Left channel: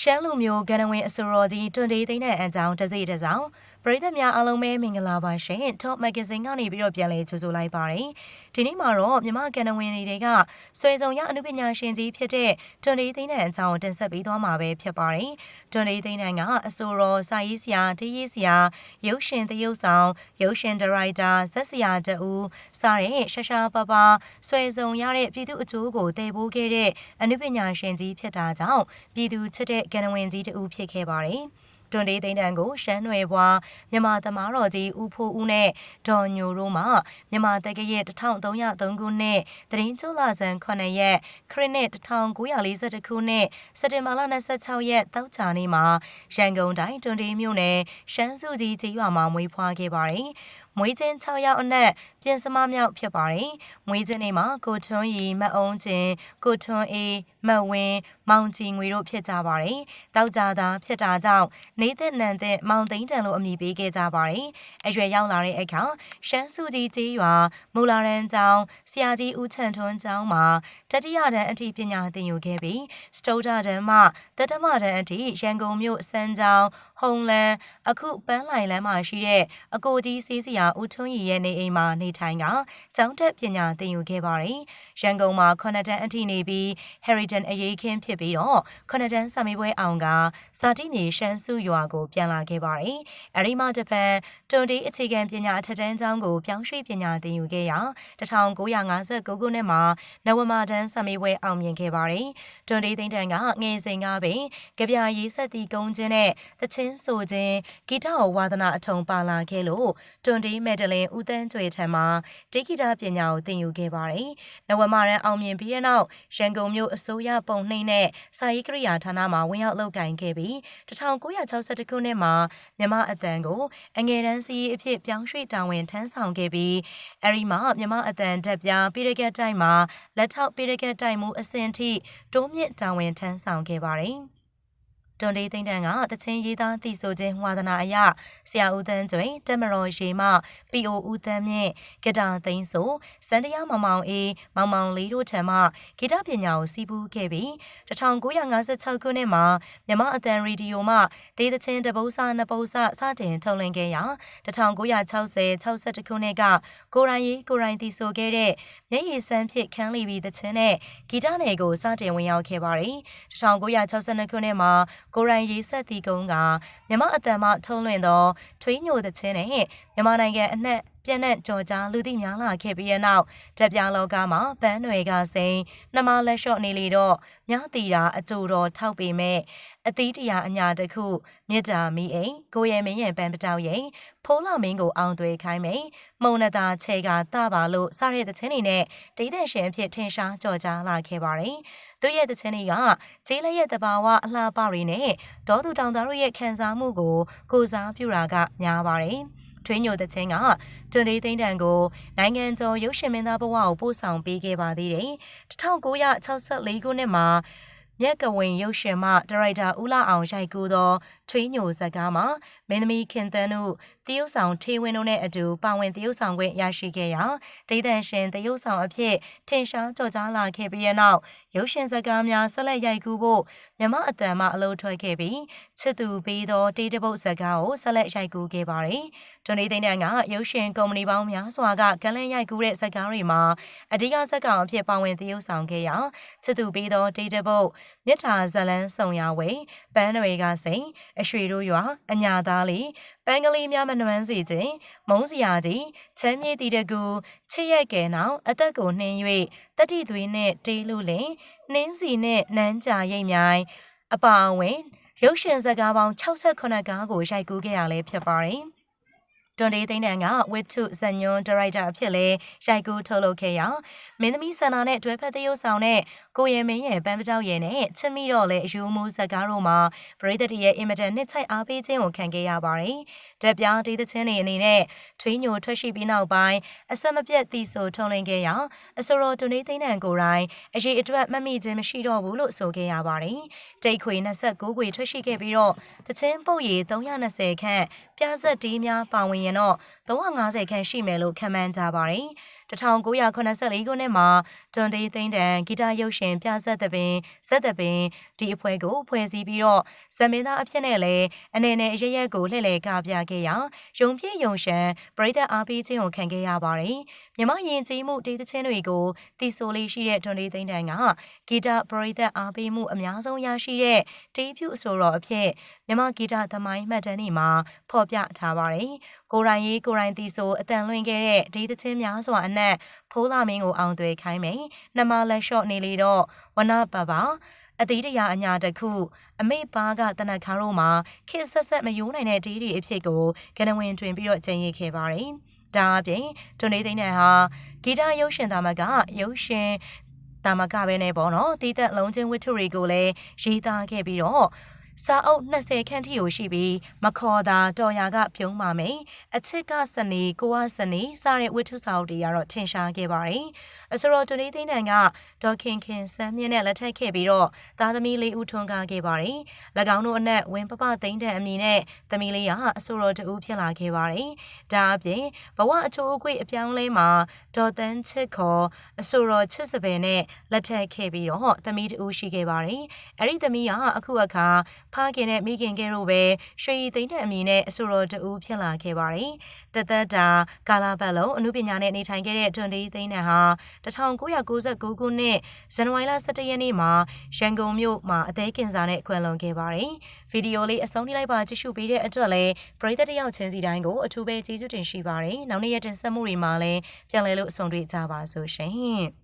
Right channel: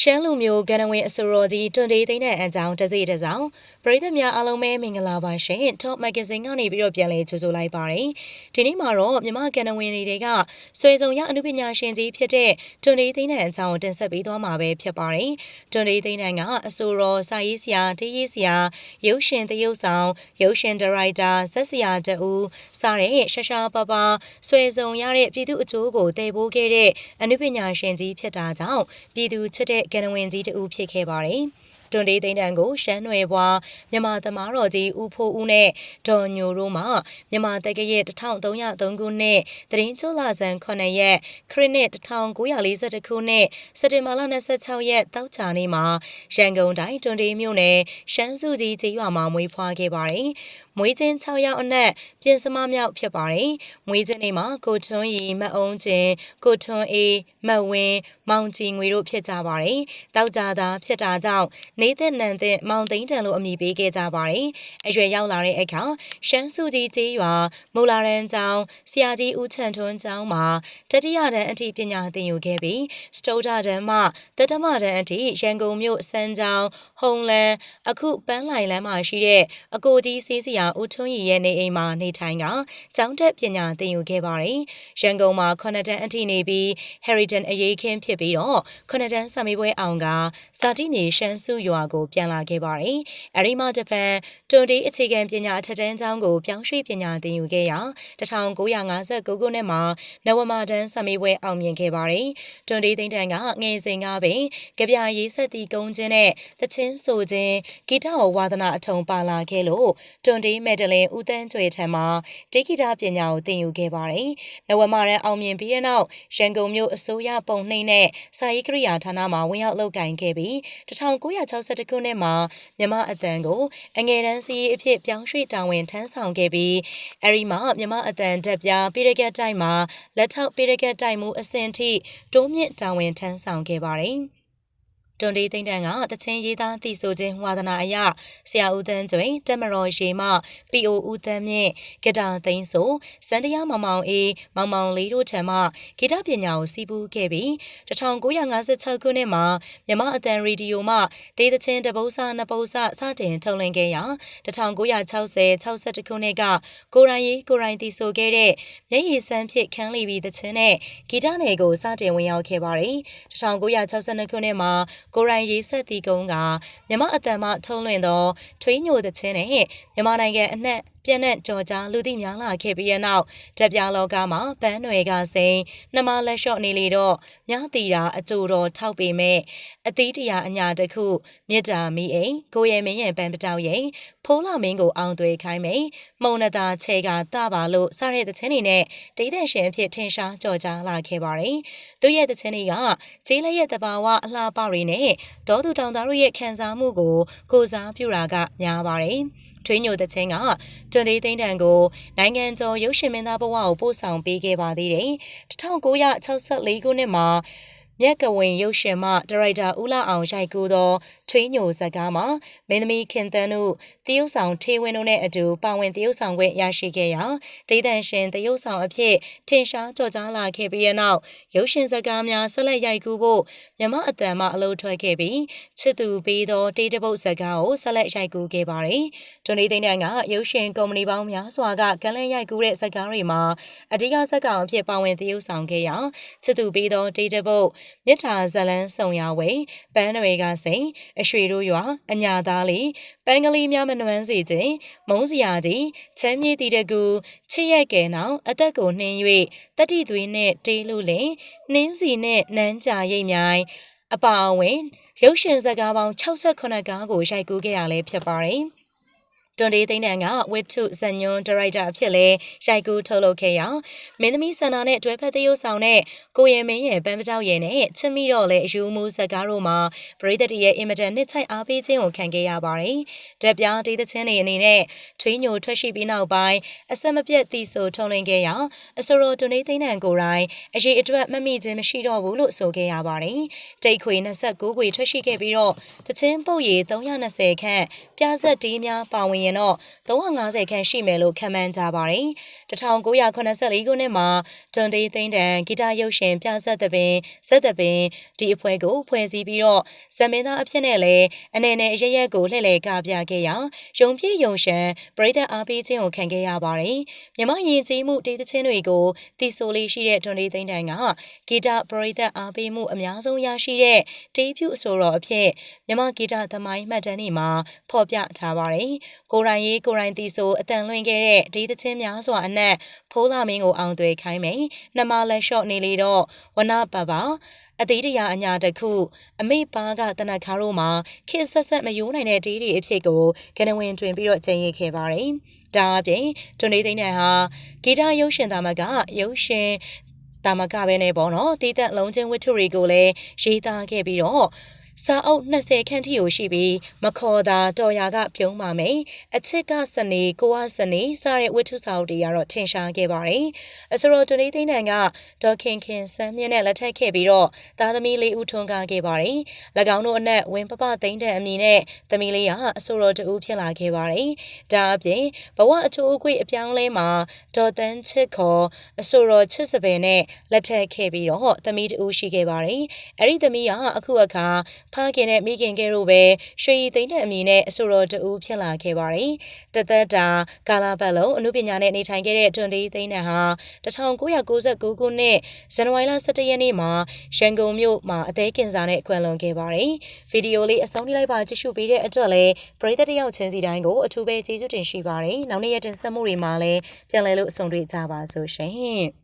ရှမ်းလူမျိုးကဏ္ဍဝင်အစိုးရကြီးတွန်တေးသိန်းတဲ့အကြောင်းတစိတစောင်း ပရိသတ်များအားလုံးပဲမင်္ဂလာပါရှင် Top Magazine ကနေပြီးတော့ပြန်လည်ကြိုဆိုလိုက်ပါတယ်ဒီနေ့မှာတော့မြမကဏ္ဍဝင်တွေကဆွေစုံရအနုပညာရှင်ကြီးဖြစ်တဲ့တွန်တေးသိန်းတဲ့အကြောင်းတင်ဆက်ပေးသွားမှာပဲဖြစ်ပါတယ်တွန်တေးသိန်းတဲ့ကအဆိုတော်စာရေးဆရာတေးရေးဆရာရုပ်ရှင်သရုပ်ဆောင်ရုပ်ရှင်ဒါရိုက်တာဇက်ဆရာတူစတဲ့ရှာရှာပါပါဆွေစုံရတဲ့ပြည်သူအကျိုးကိုတည်ပိုးခဲ့တဲ့အနုပညာရှင်ကြီးဖြစ်တာကြောင့်ပြည်သူချစ်တဲ့ကဏ္ဍဝင်ကြီးတူဖြစ်ခဲ့ပါတယ် တွန်တေးသိန်းတန်ကိုရှမ်းနွယ်ဘွားမြန်မာသမားတော်ကြီးဦးဖိုးဦးနဲ့ဒေါ်ညိုတို့မှမြန်မာတက္ကရာ1303ခုနှစ်တရင်ကျွလာဇန်9ရက်ခရစ်နှစ်1942ခုနှစ်စက်တင်ဘာလ26ရက်တောက်ချာနေ့မှာရန်ကုန်တိုင်းတွန်တေးမြို့နယ်ရှမ်းစုကြီးကျေးရွာမှာမွေးဖွားခဲ့ပါတယ်။မွေးချင်း6ယောက်အနက်ပြင်စမမြောက်ဖြစ်ပါတယ်။မွေးချင်းတွေမှာကိုထွန်းရီမအုံးချင်းကိုထွန်းအေးမတ်ဝင်းမောင်ကြည်ငွေတို့ဖြစ်ကြပါတယ်။တောက်ကြတာဖြစ်တာကြောင့်နေသက်နန်သက်မောင်သိန်းတန်လို့အမည်ပေးခဲ့ကြပါတယ်။အရွယ်ရောက်လာတဲ့အခါရှမ်းစုကြီးကျေးရွာမူလာရန်ကျောင်းဆရာကြီးဦးချန်ထွန်းကျောင်းမှာတတိယတန်းအထိပညာသင်ယူခဲ့ပြီးစတုဒ္ဒတန်းမှတတမတန်းအထိရန်ကုန်မြို့စမ်းကျောင်းဟုံလန်းအခုပန်းလိုင်လန်းမှာရှိတဲ့အကိုကြီးစီးစရာဦးထွန်းရီရဲ့နေအိမ်မှာနေထိုင်ကကျောင်းတက်ပညာသင်ယူခဲ့ပါတယ်။ရန်ကုန်မှာခုနှစ်တန်းအထိနေပြီး Heritage အရေးခင်းဖြစ်ပြီးတော့ခုနှစ်တန်းစာမေးပွဲအောင်ကစာတိနေရှမ်းစုရွာကိုပြန်လာခဲ့ပါတယ်။အဲဒီမှတစ်ဖက်တွန်တေးအခြေခံပညာအထက်တန်းကျောင်းကိုပြောင်းရွှေ့ပညာသင်ယူခဲ့ရာ1959ခုနှစ်မှာနဝမာတန်းစာမေးပွဲအောင်မြင်ခဲ့ပါတယ်။တွန်တေးသိန်းတန်ကငယ်စဉ်ကပင်ကြပြရေးဆက်တီကုန်းချင်းနဲ့တချင်းဆိုခြင်းဂီတဝါသနာအထုံပါလာခဲ့လို့တွန်တေးမက်ဒလင်ဦးတန်းကျွေထံမှာတေဂီတာပညာကိုသင်ယူခဲ့ပါတယ်။နဝမာရန်အောင်မြင်ပြီးတဲ့နောက်ရန်ကုန်မြို့အစိုးရပုံနှိမ့်နဲ့စာရေးကရိယာဌာနမှာဝင်ရောက်လုပ်ကိုင်ခဲ့ပြီး1962ခုနှစ်မှာမြမအတန်ကိုအငယ်တန်းစီးအဖြစ်ပြောင်းရွှေ့တာဝန်ထမ်းဆောင်ခဲ့ပြီးအဲဒီမှာမြမအတန်တက်ပြပိရကတ်တိုက်မှာလက်ထောက်ပိရကတ်တိုက်မှုအဆင့်ထိတိုးမြင့်တာဝန်ထမ်းဆောင်ခဲ့ပါတယ်။ တွန်လေးသိန်းတန်းကတချင်းရေးသားတည်ဆိုခြင်းဝါသနာအရဆရာဦးတန်းကျွင်တက်မတော်ရေမပီအိုဦးတန်းမြင့်ဂီတာသိန်းဆိုစန္ဒယာမောင်မောင်အေးမောင်မောင်လေးတို့ထံမှဂီတပညာကိုစီးပူးခဲ့ပြီး1956ခုနှစ်မှာမြမအတန်ရေဒီယိုမှဒေသချင်းတပု္ပ္ပစာနှစ်ပု္ပ္ပစာစတင်ထုတ်လွှင့်ခဲ့ရာ1960 61ခုနှစ်ကကိုရိုင်းရေးကိုရိုင်းတည်ဆိုခဲ့တဲ့မျက်ရည်စမ်းဖြစ်ခန်းလီပြီးသချင်းနဲ့ဂီတနယ်ကိုစတင်ဝင်ရောက်ခဲ့ပါတယ်1962ခုနှစ်မှာကိုရိုင်းရေးဆက်တီကုန်းကမြမအတန်မှထုံးလွှင့်သောထွေးညိုသချင်းနဲ့မြမနိုင်ငံအနှံ့ ပြန့်နှံ့ကြော်ကြားလူသိများလာခဲ့ပြီးတဲ့နောက်တက်ပြလောကမှာပန်းတွေကစိန်နှမလက်လျှော့နေလေတော့မြတီတာအကြိုတော်ထောက်ပေမဲ့အသီးတရာအညာတစ်ခုမြစ်တာမီအိမ်ကိုရဲမင်းရဲ့ပန်းပတောက်ရိမ်ဖိုးလာမင်းကိုအောင်သွေးခိုင်းမိန်မုံနတာခြေကတပါလို့စတဲ့တဲ့ချင်းတွေနဲ့ဒေသရှင်အဖြစ်ထင်ရှားကြော်ကြားလာခဲ့ပါတယ်။သူရဲ့တဲ့ချင်းတွေကကျေးလက်ရဲ့တဘာဝအလှပတွေနဲ့ဒေါသူတောင်သားတို့ရဲ့ခံစားမှုကိုကိုစားပြုတာကများပါတယ်။ ထွေးညိုတဲ့ချင်းကတွန်လေးသိန်းတန်ကိုနိုင်ငံကျော်ရုပ်ရှင်မင်းသားဘဝကိုပို့ဆောင်ပေးခဲ့ပါသေးတယ်။1964ခုနှစ်မှာမြက်ကဝင်ရုပ်ရှင်မှဒါရိုက်တာဦးလာအောင်ရိုက်ကူးသော ထွေးညိုဇက်ကားမှာမင်းသမီးခင်သန်းတို့တရုတ်ဆောင်ထေဝင်းတို့နဲ့အတူပါဝင်တရုတ်ဆောင်ခွင့်ရရှိခဲ့ရာဒေသရှင်တရုတ်ဆောင်အဖြစ်ထင်ရှားကြော်ကြားလာခဲ့ပြီးတဲ့နောက်ရုပ်ရှင်ဇက်ကားများဆက်လက်ရိုက်ကူးဖို့မြမအတန်မှအလုပ်ထွက်ခဲ့ပြီးချစ်သူပေးသောတေးတပုတ်ဇက်ကားကိုဆက်လက်ရိုက်ကူးခဲ့ပါတယ်။တွန်လေးသိန်းတန်ကရုပ်ရှင်ကုမ္ပဏီပေါင်းများစွာကကလန်ရိုက်ကူးတဲ့ဇက်ကားတွေမှာအဓိကဇက်ကောင်အဖြစ်ပါဝင်တရုတ်ဆောင်ခဲ့ရာချစ်သူပေးသောတေးတပုတ်မြစ်ထာဇလန်းစုံရဝေပန်းတွေကစိန်အရွှေတို့ရွာအညာသားလေးပန်းကလေးများမနှွမ်းစေခြင်းမုံစရာကြီးချမ်းမြေ့တီတကူချစ်ရက်ကဲနောင်အသက်ကိုနှင်း၍တတိသွေးနှင့်တေးလို့လင်နှင်းစီနှင့်နန်းကြာရိပ်မြိုင်အပါအဝင်ရုပ်ရှင်ဇာတ်ကားပေါင်း68ကားကိုရိုက်ကူးခဲ့ရလဲဖြစ်ပါတယ်။ တွန်ဒေးသိန်းတန်ကဝစ်ထုဇညွန်ဒါရိုက်တာအဖြစ်လဲရိုက်ကူးထုတ်လုပ်ခဲ့ရာမင်းသမီးဆန္ဒနဲ့တွဲဖက်သရုပ်ဆောင်တဲ့ကိုရဲမင်းရဲ့ပန်းပကြောက်ရဲ့နဲ့ချစ်မိတော့လဲအယူမှုဇက်ကားတို့မှာပရိသတ်တရဲ့အင်မတန်နှစ်ချိုက်အားပေးခြင်းကိုခံခဲ့ရပါတယ်။တက်ပြားဒေသချင်းတွေအနေနဲ့ထွေးညိုထွက်ရှိပြီးနောက်ပိုင်းအဆက်မပြတ်တီဆိုထုံလင်းခဲ့ရာအဆိုတော်တွန်ဒေးသိန်းတန်ကိုယ်တိုင်အရေးအတွက်မမိခြင်းမရှိတော့ဘူးလို့ဆိုခဲ့ရပါတယ်။တိတ်ခွေ29ခွေထွက်ရှိခဲ့ပြီးတော့တချင်းပုတ်ရည်320ခန့်ပြားဆက်ဒီးများပါဝင်ရင်တော့350ခန့်ရှိမယ်လို့ခန့်မှန်းကြပါတယ်။ 1984ခုနှစ်မှာတွန်တေးသိန်းတန်ဂီတရုပ်ရှင်ပြဆက်သပင်ဇက်သပင်ဒီအဖွဲ့ကိုဖွဲ့စည်းပြီးတော့ဇမင်းသားအဖြစ်နဲ့လည်းအနေနဲ့အရရက်ကိုလှည့်လည်ကပြခဲ့ရာယုံပြည့်ယုံရှံပရိသတ်အားပေးခြင်းကိုခံခဲ့ရပါတယ်မြမယဉ်ကျေးမှုတေးသချင်းတွေကိုတီဆိုလေးရှိတဲ့တွန်တေးသိန်းတန်ကဂီတပရိသတ်အားပေးမှုအများဆုံးရရှိတဲ့တေးဖြူအဆိုတော်အဖြစ်မြမဂီတသမိုင်းမှတ်တမ်းတွေမှာဖော်ပြထားပါတယ်ကိုရိုင်းရေးကိုရိုင်းတီဆိုအတန်လွင်ခဲ့တဲ့ဒေသချင်းများစွာအနက်ဖိုးလာမင်းကိုအောင်သွေးခိုင်းမယ်နှမလက်လျှော့နေလေတော့ဝနပပအသေးတရာအညာတစ်ခုအမေပါကတနခါတို့မှာခစ်ဆက်ဆက်မယိုးနိုင်တဲ့ဒေးဒီအဖြစ်ကိုကနဝင်တွင်ပြီးတော့ကျင်ရခဲ့ပါတယ်။ဒါအပြင်တွန်နေသိန်းနဲ့ဟာဂီတရုပ်ရှင်သားမကရုပ်ရှင်တာမကပဲနဲ့ပေါ့နော်တီးသက်လုံးချင်းဝတ္ထုတွေကိုလည်းရေးသားခဲ့ပြီးတော့ စာအုပ်20ခန့်ထိကိုရှိပြီးမခေါ်တာတော်ရာကပြုံးပါမယ်အချစ်ကစနေကိုကစနေစတဲ့ဝတ္ထုစာအုပ်တွေကတော့ထင်ရှားခဲ့ပါတယ်အစရောတူလေးသိန်းတန်ကဒေါခင်ခင်စမ်းမြင့်နဲ့လက်ထပ်ခဲ့ပြီးတော့သားသမီးလေးဦးထွန်းကားခဲ့ပါတယ်၎င်းတို့အနက်ဝင်းပပသိန်းတန်အမည်နဲ့သမီးလေးကအစရောတူဖြစ်လာခဲ့ပါတယ်ဒါအပြင်ဘဝအချိုးအကွေ့အပြောင်းလဲမှာဒေါ်တန်းချစ်ခေါ်အစရောချစ်စပယ်နဲ့လက်ထပ်ခဲ့ပြီးတော့သမီးတူရှိခဲ့ပါတယ်အဲ့ဒီသမီးကအခုအခါဖခင်နဲ့မိခင်ကဲတို့ပဲရွှေရည်သိန်းတဲ့အမည်နဲ့အဆိုတော်တူဖြစ်လာခဲ့ပါတယ်။တသက်တာကာလာပတ်လုံးအမှုပညာနဲ့နေထိုင်ခဲ့တဲ့တွန်ဒီသိန်းနဲ့ဟာ1999ခုနှစ်ဇန်နဝါရီလ17ရက်နေ့မှာရန်ကုန်မြို့မှာအသေးကင်ဆာနဲ့ခွဲလွန်ခဲ့ပါတယ်။ဗီဒီယိုလေးအဆုံးထိလိုက်ပါကြည့်ရှုပေးတဲ့အတွက်လည်းပရိသတ်တယောက်ချင်းစီတိုင်းကိုအထူးပဲကျေးဇူးတင်ရှိပါတယ်။နောက်နေ့ရက်တင်ဆက်မှုတွေမှာလည်းပြန်လည်လို့အဆုံးတွေ့ကြပါစို့ရှင်။